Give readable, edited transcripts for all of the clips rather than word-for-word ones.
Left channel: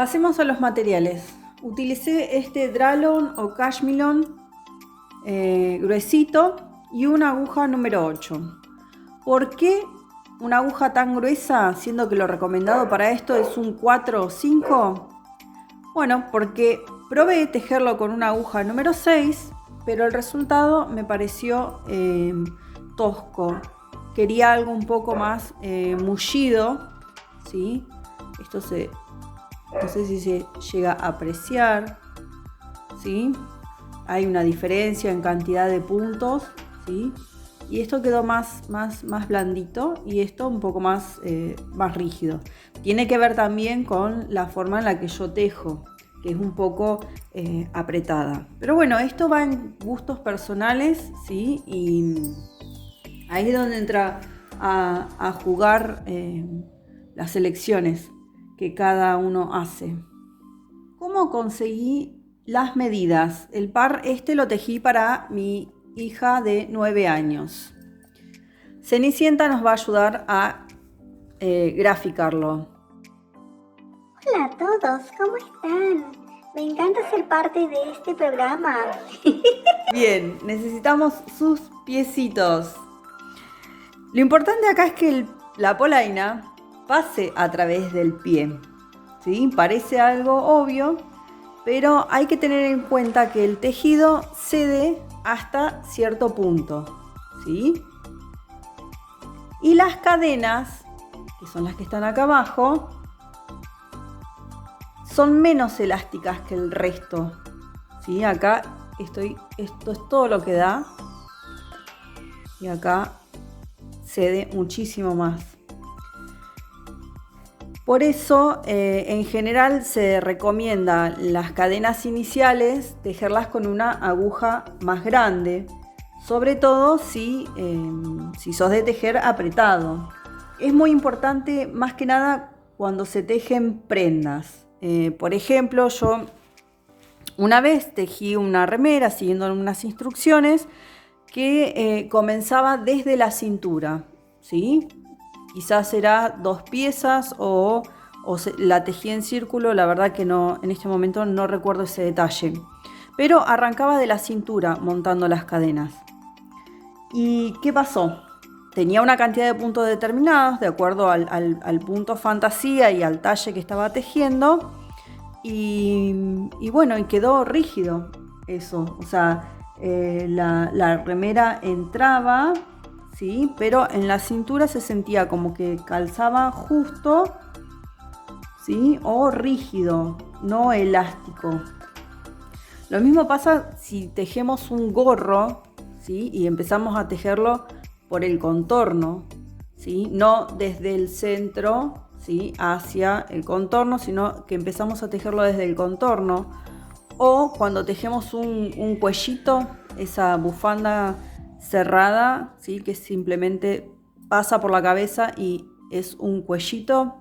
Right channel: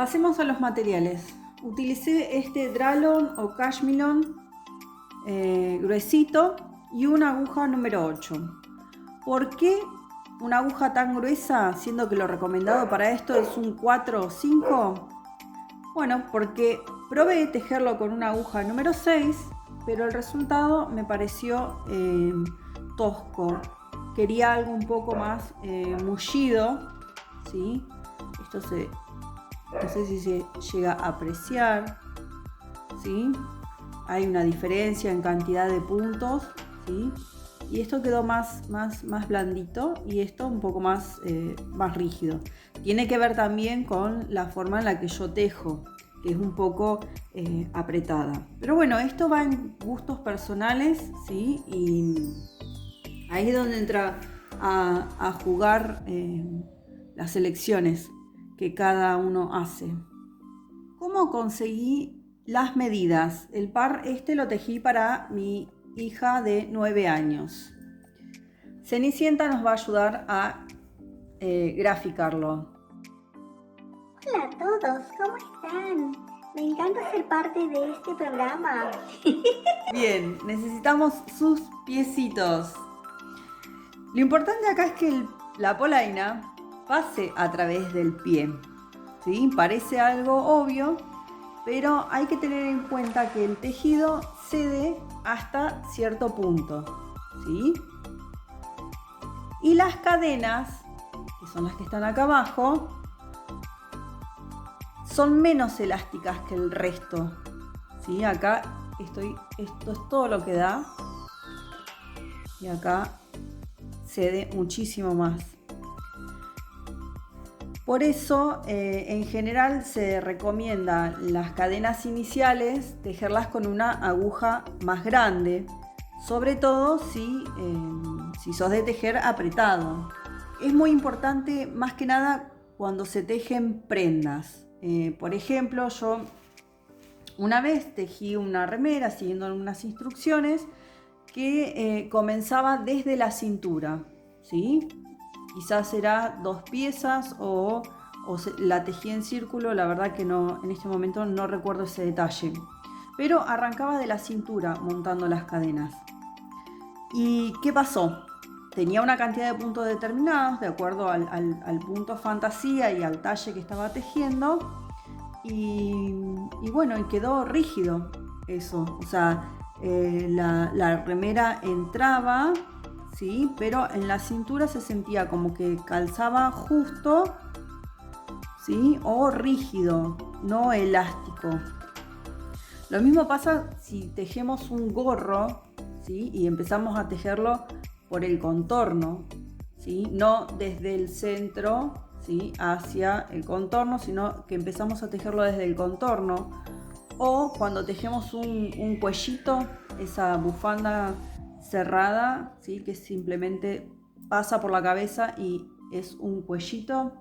Pasemos a los materiales. Utilicé este Dralon o Cashmilon gruesito y una aguja número 8. ¿Por qué una aguja tan gruesa, siendo que lo recomendado para esto es un 4 o 5? Bueno, porque probé tejerlo con una aguja número 6, pero el resultado me pareció tosco. Quería algo un poco más mullido, ¿sí? Esto no sé si se llega a apreciar, ¿sí? Hay una diferencia en cantidad de puntos, ¿sí? Y esto quedó más blandito y esto un poco más rígido. Tiene que ver también con la forma en la que yo tejo, que es un poco apretada. Pero bueno, esto va en gustos personales, ¿sí? Y ahí es donde entra a jugar las elecciones que cada uno hace. ¿Cómo conseguí las medidas? El par este lo tejí para mi hija de 9 años. Cenicienta nos va a ayudar a graficarlo. Hola a todos, ¿cómo están? Me encanta ser parte de este programa. Bien, necesitamos sus piecitos. Lo importante acá es que la polaina pase a través del pie, ¿sí? Parece algo obvio, pero hay que tener en cuenta que el tejido cede hasta cierto punto, ¿sí? Y las cadenas, que son las que están acá abajo, son menos elásticas que el resto, ¿sí? Acá esto es todo lo que da y acá cede muchísimo más. Por eso, en general se recomienda las cadenas iniciales tejerlas con una aguja más grande, sobre todo si sos de tejer apretado. Es muy importante más que nada cuando se tejen prendas. Por ejemplo, yo una vez tejí una remera siguiendo unas instrucciones que comenzaba desde la cintura, ¿sí? Quizás era 2 piezas o la tejí en círculo, la verdad que no, en este momento no recuerdo ese detalle. Pero arrancaba de la cintura montando las cadenas. ¿Y qué pasó? Tenía una cantidad de puntos determinados de acuerdo al punto fantasía y al talle que estaba tejiendo. Y bueno, y quedó rígido eso. O sea, la remera entraba, ¿sí? Pero en la cintura se sentía como que calzaba justo, ¿sí? O rígido, no elástico. Lo mismo pasa si tejemos un gorro, ¿sí? Y empezamos a tejerlo por el contorno, ¿sí? No desde el centro, ¿sí? Hacia el contorno, sino que empezamos a tejerlo desde el contorno. O cuando tejemos un cuellito, esa bufanda cerrada, ¿sí? Que simplemente pasa por la cabeza y es un cuellito.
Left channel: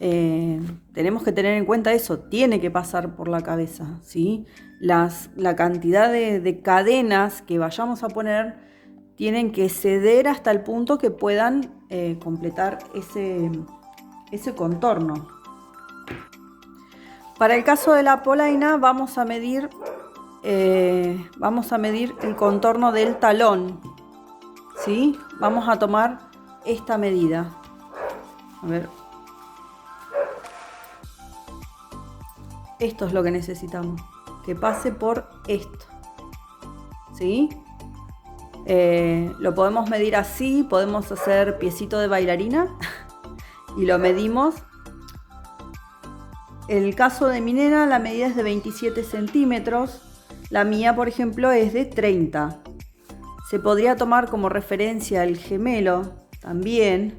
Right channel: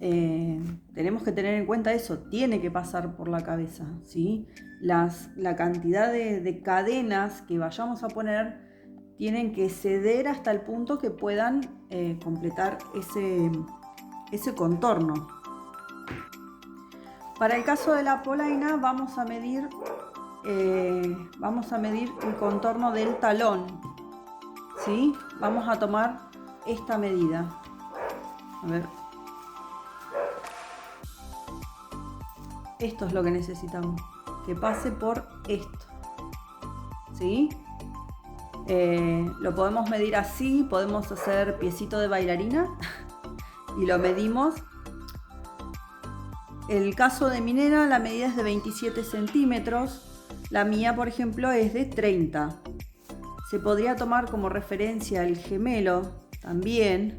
Tenemos que tener en cuenta eso, tiene que pasar por la cabeza, ¿sí? La cantidad de cadenas que vayamos a poner tienen que ceder hasta el punto que puedan completar ese contorno. Para el caso de la polaina vamos a medir el contorno del talón, ¿sí? Vamos a tomar esta medida. A ver. Esto es lo que necesitamos, que pase por esto, ¿sí? Lo podemos medir así, podemos hacer piecito de bailarina y lo medimos. En el caso de mi nena, la medida es de 27 centímetros, la mía, por ejemplo, es de 30. Se podría tomar como referencia el gemelo también,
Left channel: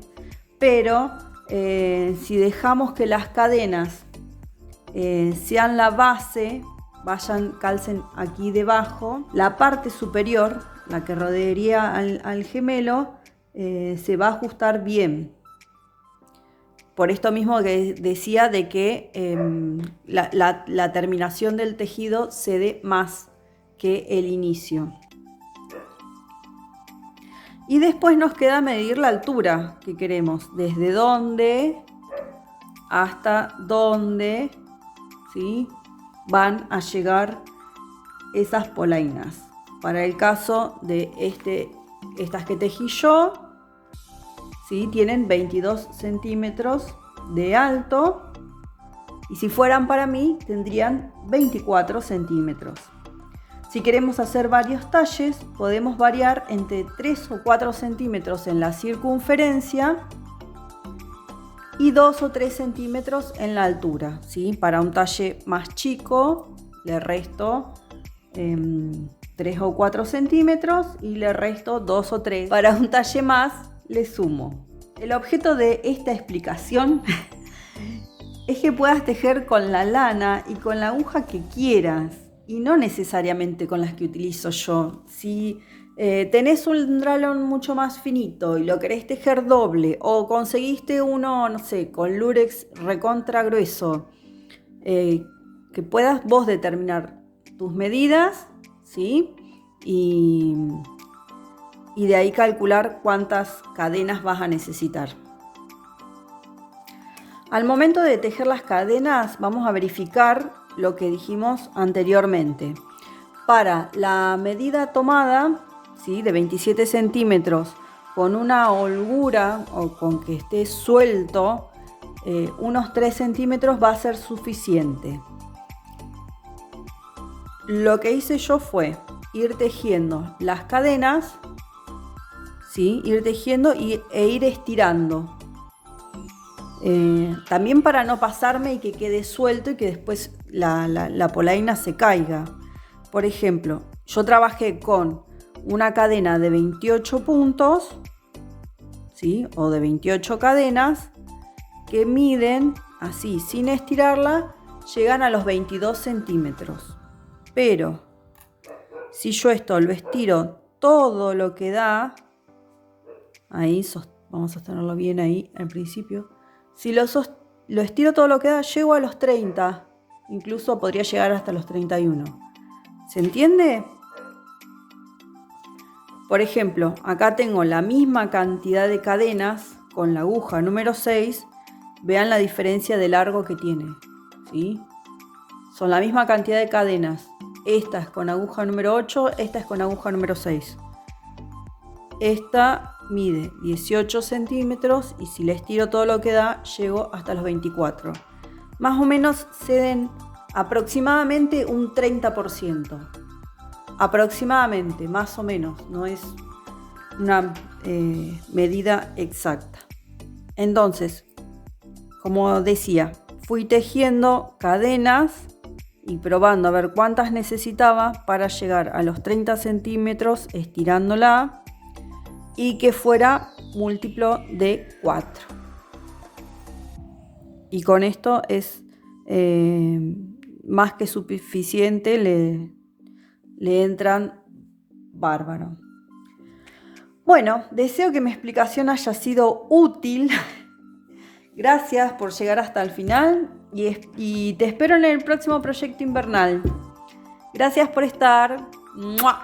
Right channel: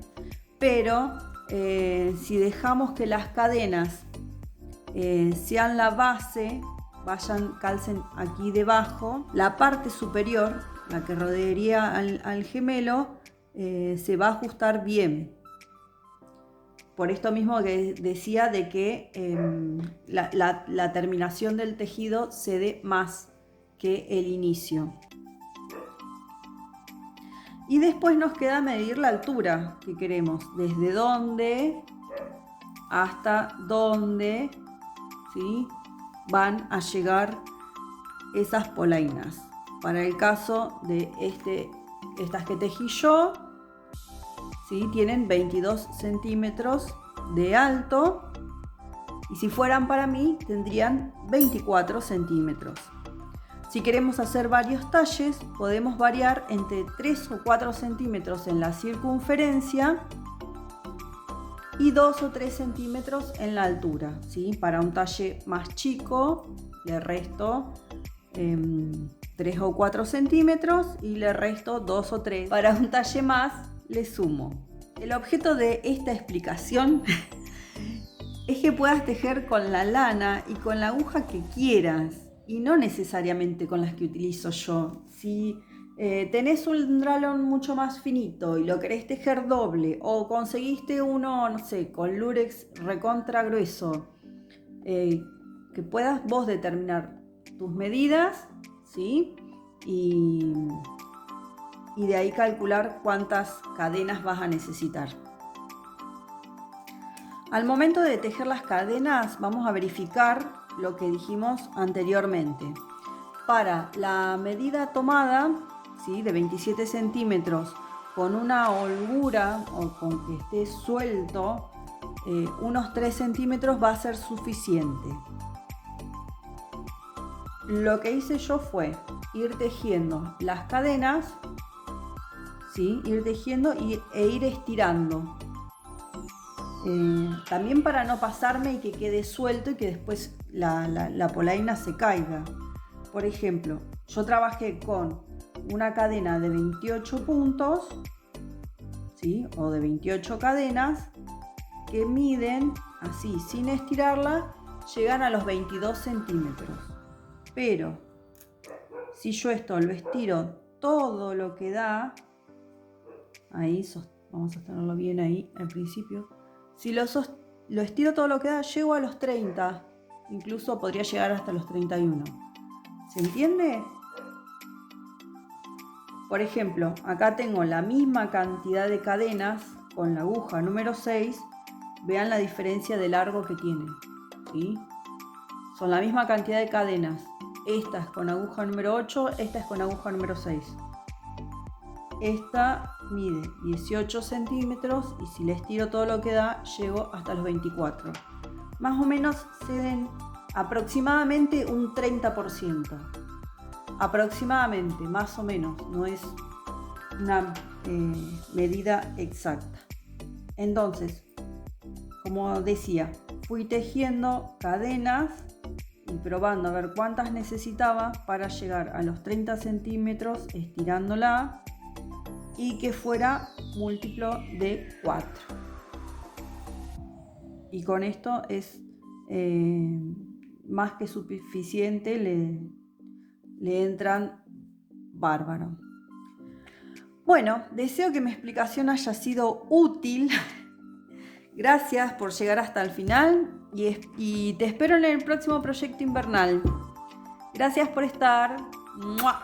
pero si dejamos que las cadenas sean la base, calcen aquí debajo, la parte superior, la que rodearía al gemelo, se va a ajustar bien. Por esto mismo que decía de que la terminación del tejido cede más que el inicio. Y después nos queda medir la altura que queremos, desde dónde hasta dónde ¿sí? Van a llegar esas polainas. Para el caso de estas que tejí yo, ¿sí? Tienen 22 centímetros de alto, y si fueran para mí tendrían 24 centímetros. Si queremos hacer varios talles, podemos variar entre 3 o 4 centímetros en la circunferencia y 2 o 3 centímetros en la altura, ¿sí? Para un talle más chico le resto 3 o 4 centímetros y le resto 2 o 3. Para un talle más le sumo. El objeto de esta explicación es que puedas tejer con la lana y con la aguja que quieras, y no necesariamente con las que utilizo yo. Si tenés un dralón mucho más finito y lo querés tejer doble, o conseguiste uno, no sé, con lurex recontra grueso, que puedas vos determinar tus medidas, ¿sí? Y de ahí calcular cuántas cadenas vas a necesitar. Al momento de tejer las cadenas vamos a verificar lo que dijimos anteriormente. Para la medida tomada, ¿sí? De 27 centímetros, con una holgura o con que esté suelto, unos 3 centímetros va a ser suficiente. Lo que hice yo fue ir tejiendo las cadenas, ¿sí? Ir tejiendo e ir estirando. También para no pasarme y que quede suelto y que después la polaina se caiga. Por ejemplo, yo trabajé con una cadena de 28 puntos, ¿sí? O de 28 cadenas que miden así, sin estirarla, llegan a los 22 centímetros. Pero si yo esto lo estiro todo lo que da, ahí vamos a sostenerlo bien ahí al principio. Si lo estiro todo lo que da, llego a los 30. Incluso podría llegar hasta los 31. ¿Se entiende? Por ejemplo, acá tengo la misma cantidad de cadenas con la aguja número 6. Vean la diferencia de largo que tiene, ¿sí? Son la misma cantidad de cadenas. Esta es con aguja número 8, esta es con aguja número 6. Esta mide 18 centímetros y si le estiro todo lo que da, llego hasta los 24. Más o menos ceden aproximadamente un 30%. Aproximadamente, más o menos, no es una medida exacta. Entonces, como decía, fui tejiendo cadenas y probando a ver cuántas necesitaba para llegar a los 30 centímetros estirándola, y que fuera múltiplo de 4. Y con esto es más que suficiente, le entran bárbaro. Bueno, deseo que mi explicación haya sido útil. Gracias por llegar hasta el final y te espero en el próximo proyecto invernal. Gracias por estar. ¡Mua!